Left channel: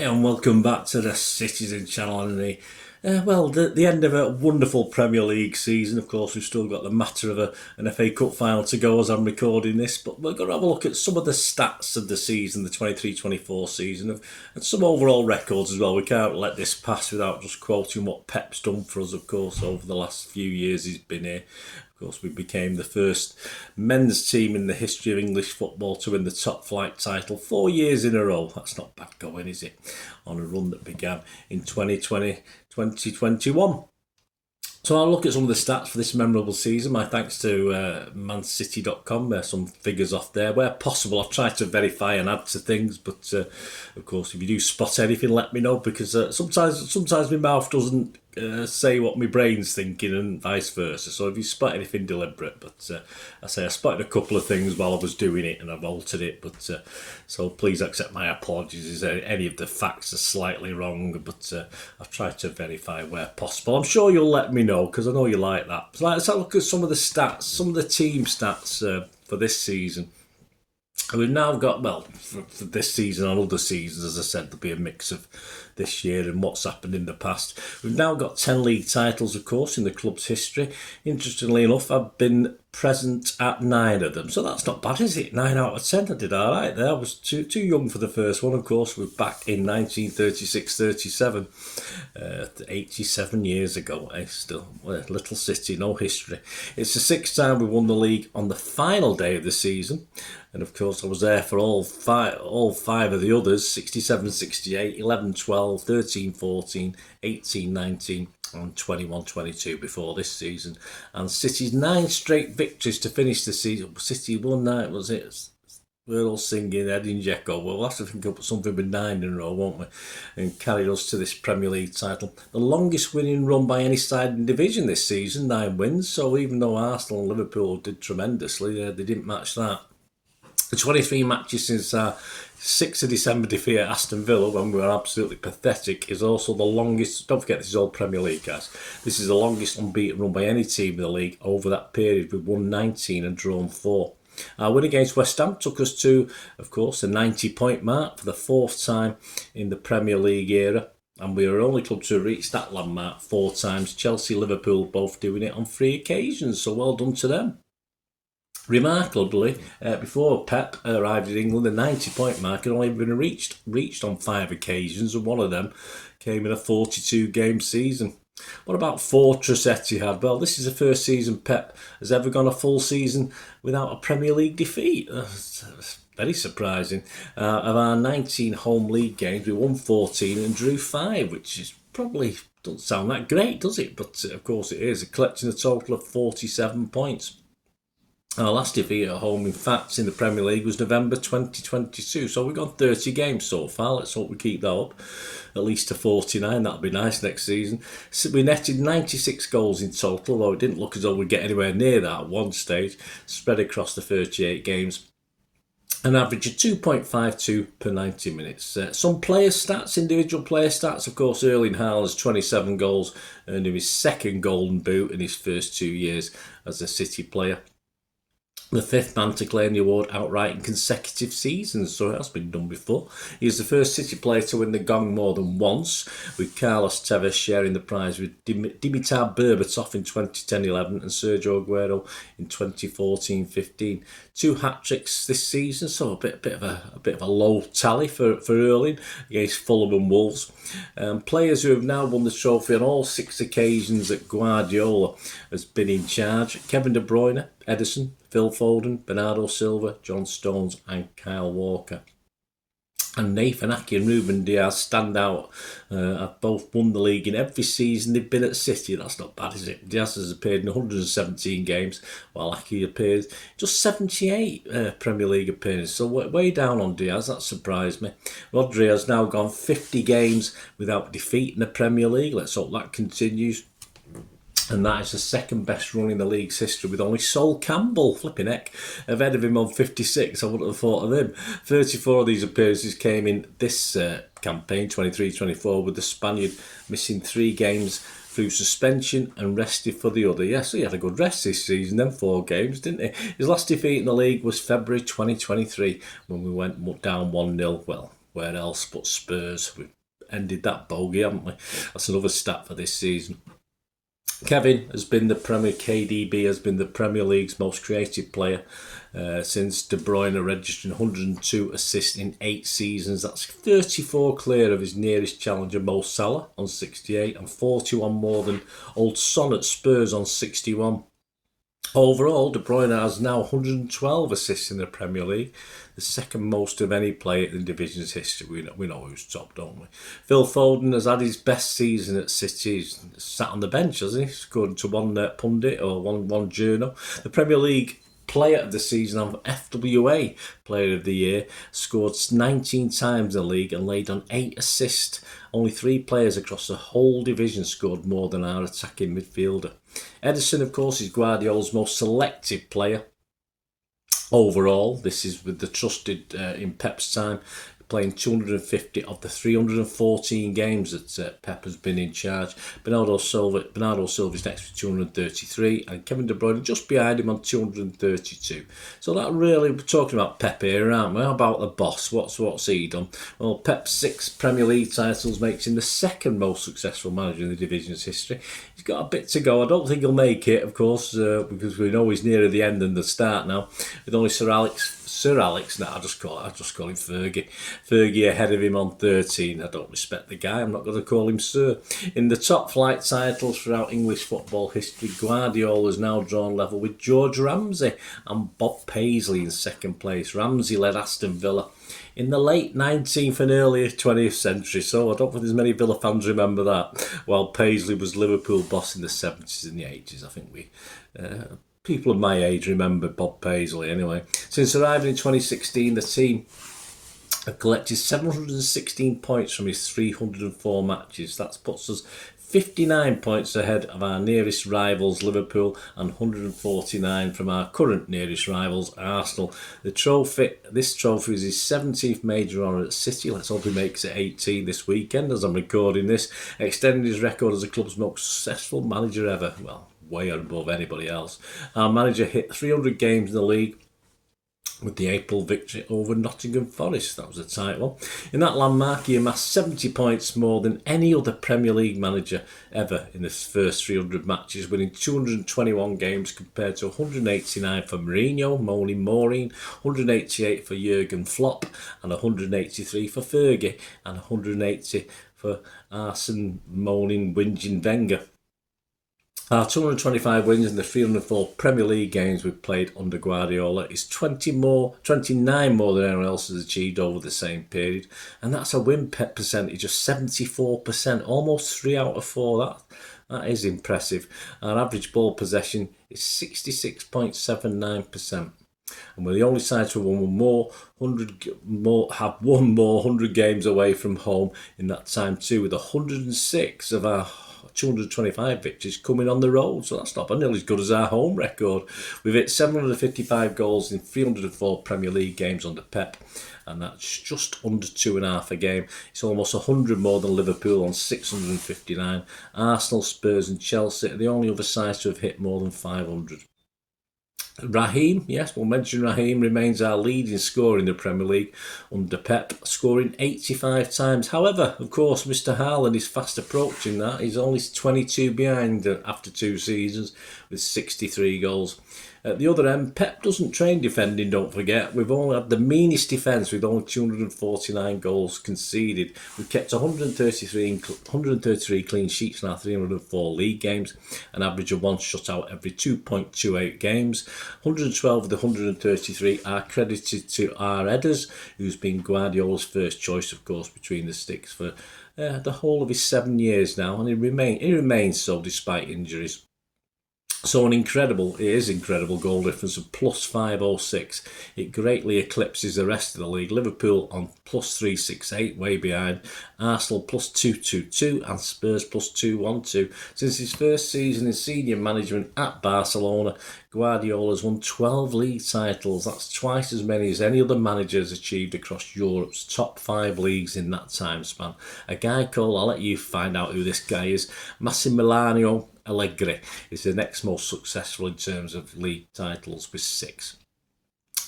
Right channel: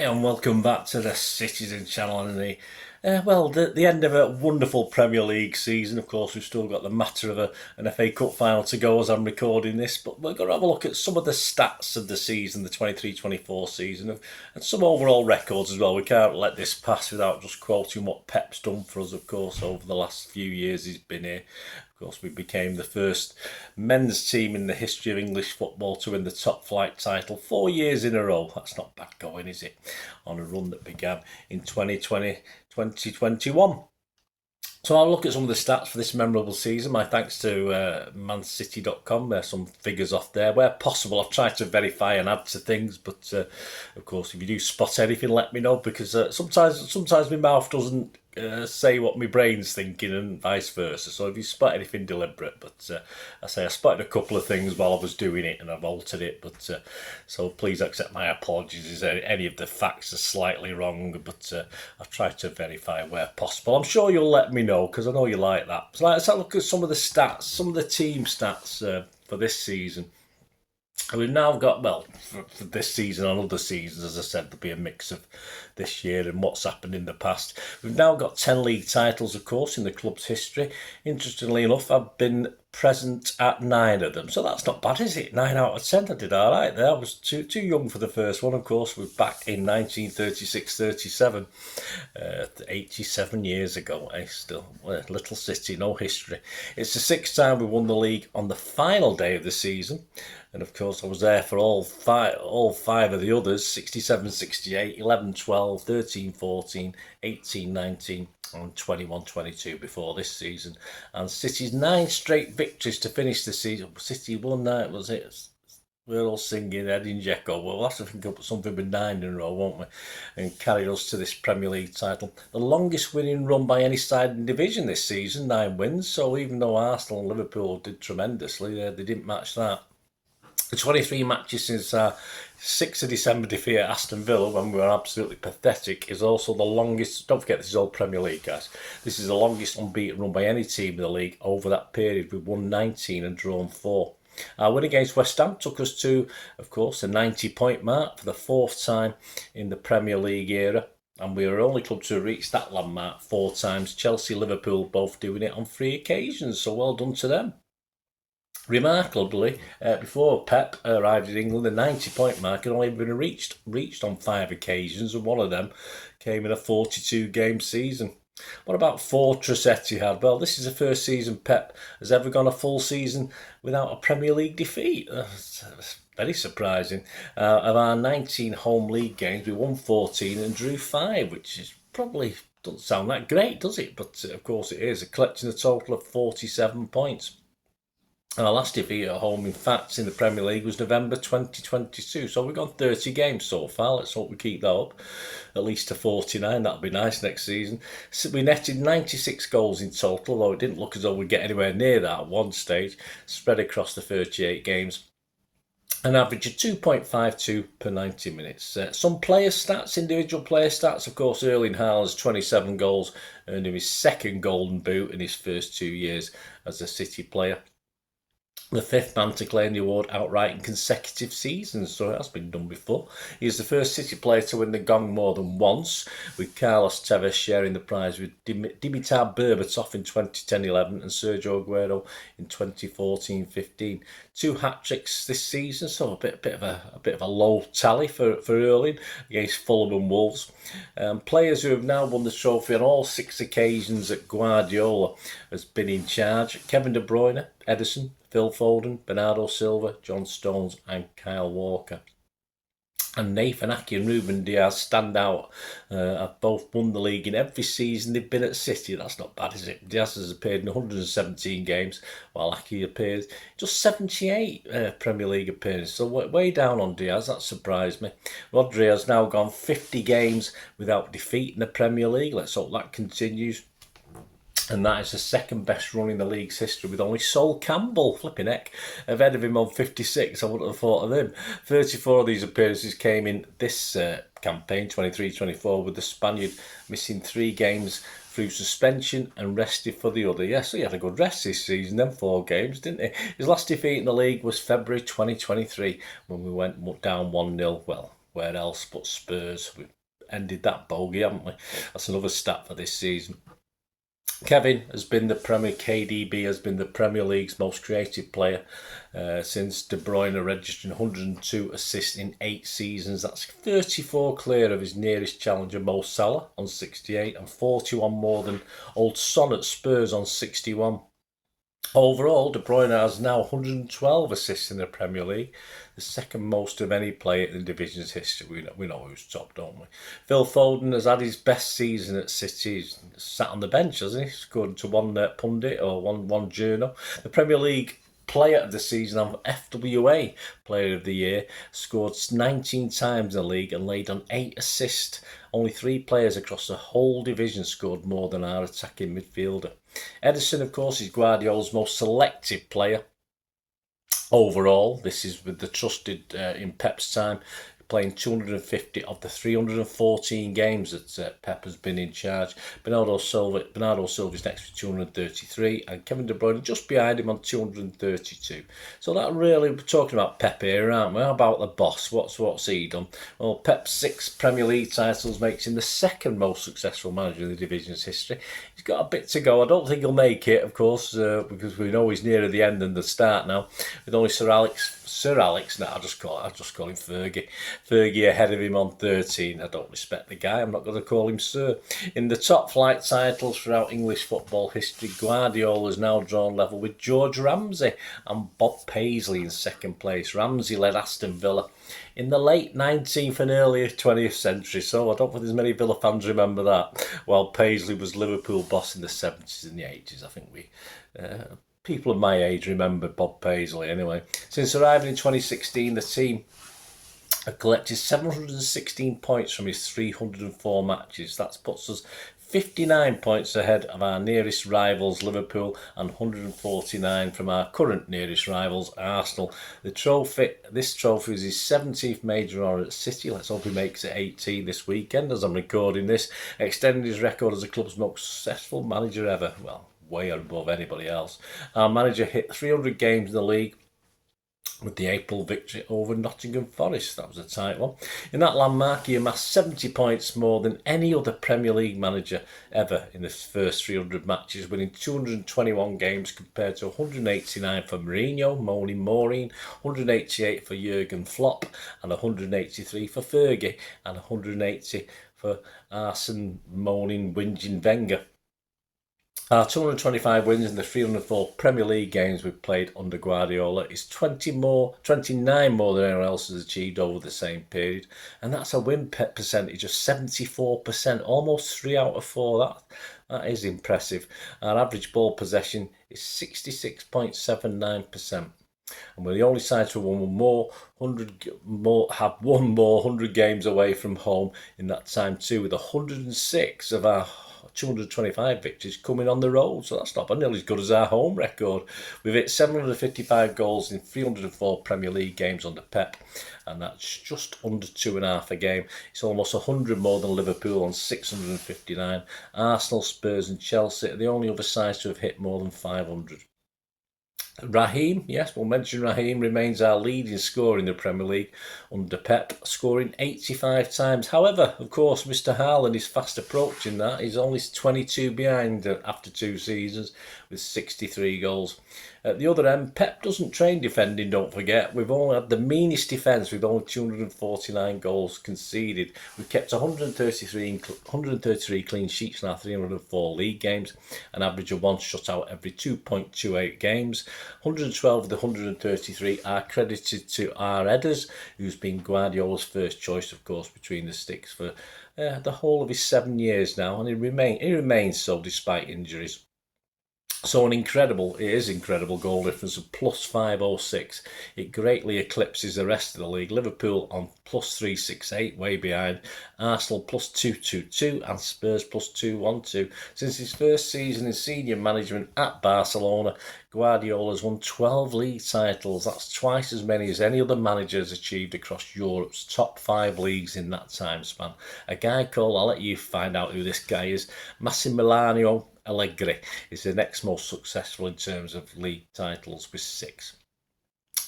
Hi and welcome back to the Citizen channel and the end of a wonderful Premier League season. Of course, we've still got the matter of an FA Cup final to go as I'm recording this, but we're going to have a look at some of the stats of the season, the 23-24 season, and some overall records as well. We can't let this pass without just quoting what Pep's done for us, of course, over the last few years he's been here. Of course, we became the first men's team in the history of English football to win the top flight title 4 years in a row. That's not bad going, is it? On a run that began in 2020-2021. So I'll look at some of the stats for this memorable season. My thanks to mancity.com. There's some figures off there. Where possible, I've tried to verify and add to things, but of course, if you do spot anything, let me know, because sometimes my mouth doesn't say what my brain's thinking and vice versa. So if you spot anything deliberate, but I spotted a couple of things while I was doing it and I've altered it, but so please accept my apologies if any of the facts are slightly wrong, but I've tried to verify where possible. I'm sure you'll let me know, because I know you like that. So let's have a look at some of the stats, some of the team stats for this season. And we've now got, for this season and other seasons, as I said, there'll be a mix of this year and what's happened in the past. We've now got 10 league titles, of course, in the club's history. Interestingly enough, I've been present at 9 of them, so that's not bad, is it? 9 out of 10, I did all right there. I was too young for the first one, of course. We're back in 1936-37, 87 years ago. Still, little city, no history. It's the 6th time we won the league on the final day of the season. And of course, I was there for all five of the others: 67-68, 11-12, 13-14, 18-19, and 21-22 before this season. And City's 9 straight victories to finish the season. City won 9, was it? We're all singing Edin Dzeko. We'll have to think up something with 9 in a row, won't we? And carry us to this Premier League title. The longest winning run by any side in division this season, 9 wins. So even though Arsenal and Liverpool did tremendously, they didn't match that. The 23 matches since our 6th of December defeat at Aston Villa, when we were absolutely pathetic, is also the longest. Don't forget, this is all Premier League, guys. This is the longest unbeaten run by any team in the league over that period. We've won 19 and drawn 4. Our win against West Ham took us to, of course, a 90-point mark for the 4th time in the Premier League era. And we are the only club to reach that landmark 4 times. Chelsea, Liverpool both doing it on 3 occasions, so well done to them. Remarkably, before Pep arrived in England, the 90-point mark had only been reached on 5 occasions, and one of them came in a 42-game season. What about Fortress Etihad? Well, this is the first season Pep has ever gone a full season without a Premier League defeat. That's very surprising. Of our 19 home league games, we won 14 and drew 5, which is probably doesn't sound that great, does it? But of course it is, collecting a total of 47 points. Our last defeat at home, in fact, in the Premier League was November 2022. So we've gone 30 games so far. Let's hope we keep that up, at least to 49. That'll be nice next season. So we netted 96 goals in total, although it didn't look as though we'd get anywhere near that at one stage, spread across the 38 games. An average of 2.52 per 90 minutes. Some player stats, individual player stats. Of course, Erling Haaland's 27 goals, earned him his 2nd Golden Boot in his first 2 years as a City player. The 5th man to claim the award outright in consecutive seasons, so that's been done before. He's the first City player to win the gong more than once, with Carlos Tevez sharing the prize with Dimitar Berbatov in 2010-11 and Sergio Aguero in 2014-15. 2 hat-tricks this season, so a bit of a low tally for Erling against Fulham and Wolves. Players who have now won the trophy on all 6 occasions that Guardiola has been in charge: Kevin De Bruyne, Ederson, Phil Foden, Bernardo Silva, John Stones and Kyle Walker. And Nathan Ake and Ruben Diaz stand out. Have both won the league in every season they've been at City. That's not bad, is it? Diaz has appeared in 117 games, while Ake appears just 78 Premier League appearances. So way down on Diaz. That surprised me. Rodri has now gone 50 games without defeat in the Premier League. Let's hope that continues. And that is the 2nd best run in the league's history, with only Sol Campbell, flipping heck, ahead of him on 56. I wouldn't have thought of him. 34 of these appearances came in this campaign, 23-24, with the Spaniard missing 3 games through suspension and rested for the other. Yes, he had a good rest this season, then 4 games, didn't he? His last defeat in the league was February 2023, when we went down 1-0. Well, where else but Spurs? We ended that bogey, haven't we? That's another stat for this season. KDB has been the Premier League's most creative player since De Bruyne registering 102 assists in 8 seasons. That's 34 clear of his nearest challenger Mo Salah on 68 and 41 more than old Son at Spurs on 61. Overall, De Bruyne has now 112 assists in the Premier League, the second most of any player in the division's history. We know who's top, don't we? Phil Foden has had his best season at City. He's sat on the bench, hasn't he? According to one pundit or one journal. The Premier League Player of the Season of FWA Player of the Year, scored 19 times in the league and laid on 8 assists. Only 3 players across the whole division scored more than our attacking midfielder. Ederson, of course, is Guardiola's most selective player overall. This is with the trusted in Pep's time, playing 250 of the 314 games that Pep has been in charge. Bernardo Silva is next with 233, and Kevin De Bruyne just behind him on 232. So that really, we're talking about Pep here, aren't we? How about the boss? What's he done? Well, Pep's 6 Premier League titles makes him the second most successful manager in the division's history. He's got a bit to go. I don't think he'll make it, of course, because we know he's nearer the end than the start now, with only Sir Alex. No, I just call him Fergie. Fergie ahead of him on 13. I don't respect the guy. I'm not going to call him Sir. In the top flight titles throughout English football history, Guardiola has now drawn level with George Ramsay and Bob Paisley in second place. Ramsay led Aston Villa in the late 19th and early 20th century, so I don't think there's many Villa fans remember that, while Paisley was Liverpool boss in the 70s and the 80s. I think people of my age remember Bob Paisley anyway. Since arriving in 2016, the team have collected 716 points from his 304 matches. That puts us 59 points ahead of our nearest rivals Liverpool and 149 from our current nearest rivals Arsenal. This trophy is his 17th major honour at City. Let's hope he makes it 18 this weekend as I'm recording this, extending his record as the club's most successful manager ever. Well, way above anybody else. Our manager hit 300 games in the league with the April victory over Nottingham Forest. That was a tight one. In that landmark, he amassed 70 points more than any other Premier League manager ever in his first 300 matches, winning 221 games compared to 189 for Mourinho, moaning Maureen, 188 for Jurgen Klopp, and 183 for Fergie, and 180 for Arsene moaning, whinging Wenger. Our 225 wins in the 304 Premier League games we've played under Guardiola is 29 more than anyone else has achieved over the same period, and that's a win percentage of 74%, almost 3 out of 4. That is impressive. Our average ball possession is 66.79%. And we're the only side to have won more 100 games away from home in that time too, with 106 of our 225 victories coming on the road, so that's not nearly as good as our home record. We've hit 755 goals in 304 Premier League games under Pep, and that's just under 2.5 a game. It's almost 100 more than Liverpool on 659. Arsenal, Spurs and Chelsea are the only other sides to have hit more than 500. Raheem, yes, we'll mention Raheem, remains our leading scorer in the Premier League under Pep, scoring 85 times. However, of course, Mr. Haaland is fast approaching that. He's only 22 behind after 2 seasons with 63 goals. At the other end, Pep doesn't train defending, don't forget. We've only had the meanest defence with only 249 goals conceded. We've kept 133 clean sheets in our 304 league games, an average of 1 shutout every 2.28 games. 112 of the 133 are credited to our headers, who's been Guardiola's first choice, of course, between the sticks for the whole of his 7 years now, and he remains so despite injuries. So it is incredible goal difference of plus 506. It greatly eclipses the rest of the league. Liverpool on plus 368, way behind. Arsenal plus 222 and Spurs plus 212. Since his first season in senior management at Barcelona, Guardiola's won 12 league titles. That's twice as many as any other manager has achieved across Europe's top 5 leagues in that time span. A guy called, I'll let you find out who this guy is, Massimiliano Allegri is the next most successful in terms of league titles with 6.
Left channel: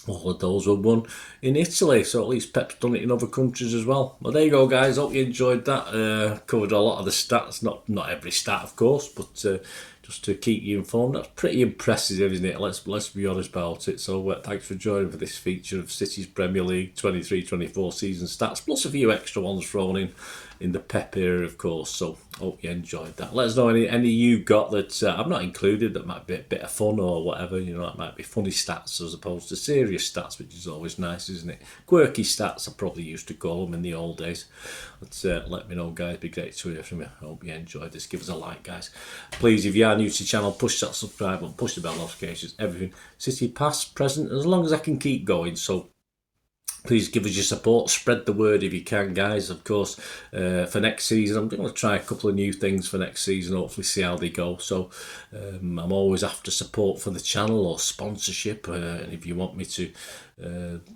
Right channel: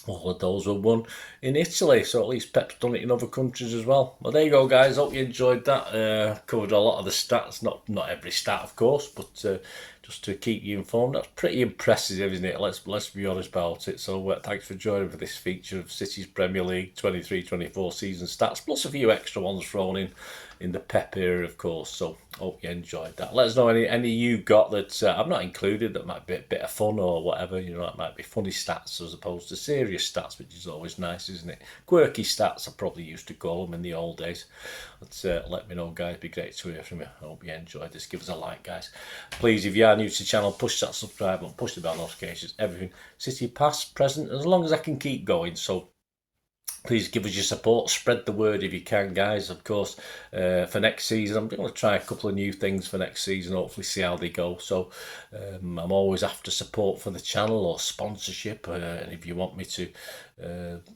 All of those were won in Italy, so at least Pep's done it in other countries as well. Well, there you go, guys. Hope you enjoyed that. Covered a lot of the stats, not every stat, of course, but just to keep you informed. That's pretty impressive, isn't it? Let's be honest about it. So thanks for joining for this feature of City's Premier League 23-24 season stats, plus a few extra ones thrown in the Pep era, of course. So hope you enjoyed that. Let us know any you got that I've not included that might be a bit of fun or whatever. You know, that might be funny stats as opposed to serious stats, which is always nice, isn't it? Quirky stats, I probably used to call them in the old days. But let me know, guys. It'd be great to hear from you. I hope you enjoyed this. Give us a like, guys. Please, if you are new to the channel, push that subscribe button, push the bell notifications, everything. City past, present, as long as I can keep going. So please give us your support, spread the word if you can, guys. Of course, for next season, I'm going to try a couple of new things for next season, hopefully see how they go. So I'm always after support for the channel or sponsorship, and if you want me to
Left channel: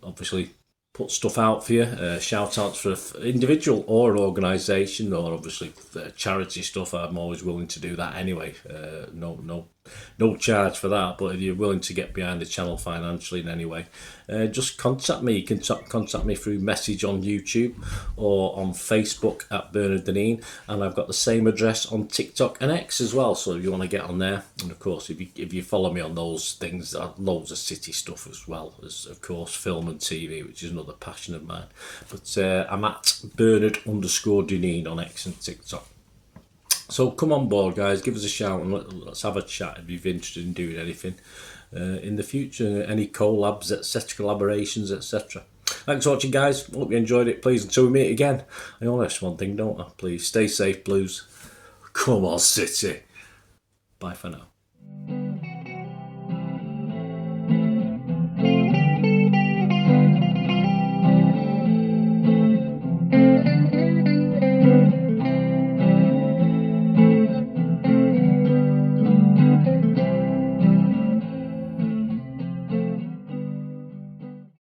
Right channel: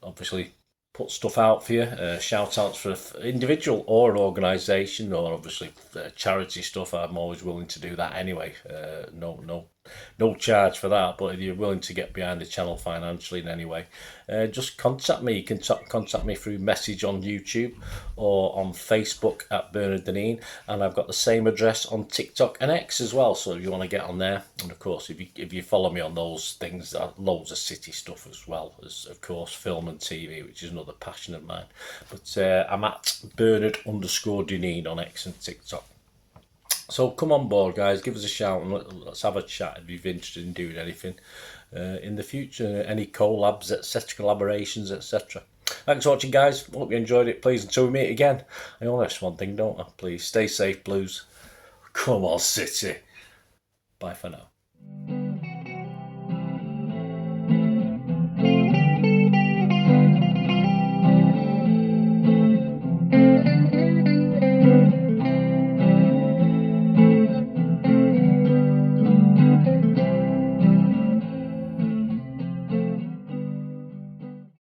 obviously put stuff out for you, shout outs for individual or an organisation, or obviously charity stuff, I'm always willing to do that anyway. No charge for that, but if you're willing to get behind the channel financially in any way, just contact me. You can contact me through message on YouTube or on Facebook at Bernard Deneen, and I've got the same address on TikTok and X as well, so if you want to get on there. And of course, if you follow me on those things, loads of City stuff as well as, of course, film and TV, which is another passion of mine. But I'm at Bernard_Deneen on X and TikTok. So come on board, guys, give us a shout and let's have a chat if you're interested in doing anything in the future, any collabs, etc., collaborations, etc. Thanks for watching, guys. Hope you enjoyed it. Please, until we meet again, I only ask one thing, don't I? Please stay safe, Blues. Come on, City. Bye for now.